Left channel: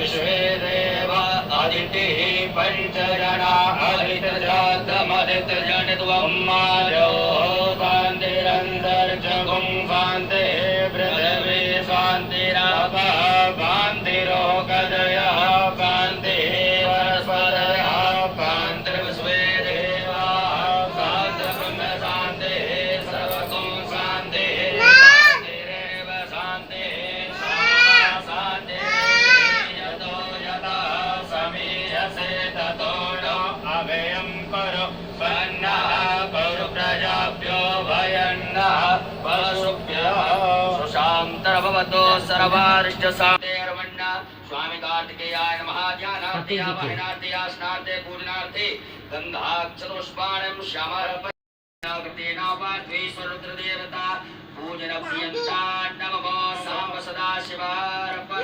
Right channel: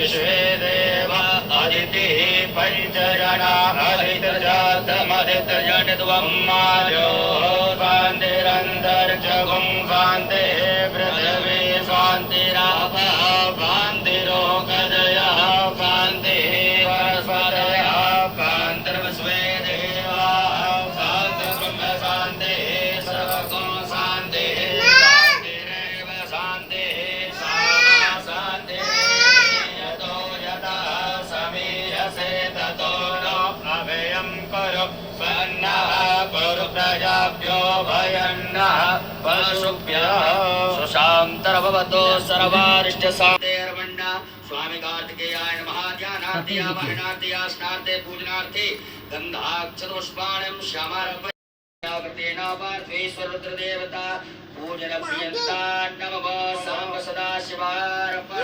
विश्वेदेव अदितिः पञ्चजना अदितजातमदितजनित्वं माजो शान्तिरन्तरिक्षगुं शान्तिः पृथिवी शान्तिरापः शान्तिरोगदयः शान्तिः परस्परयः शान्तिर्विश्वेदेवाः शान्तिर्ब्रह्म शान्तिः सर्वगुं शान्तिः शान्तिरेव शान्तिः सामा शान्तिः यतो यतः समीयसे ततो नो अभयं करो सन्नः कुरु प्रजाभ्यो भयन्नः पशुभ्यः सुशान्तर्भवतो सर्वारिष्टशान्तिर्वण्णः स्वामी कार्तिकेयाय नमः। ध्यानार्थे आवाहनार्थे स्नार्थे पूजनार्थे गन्धाक्षतपुष्पाणं श्यामार्पणेन पार्थेश्वरुद्रदेवता पूजन प्रियन्ता नमः साम्ब सदाशिवार्पण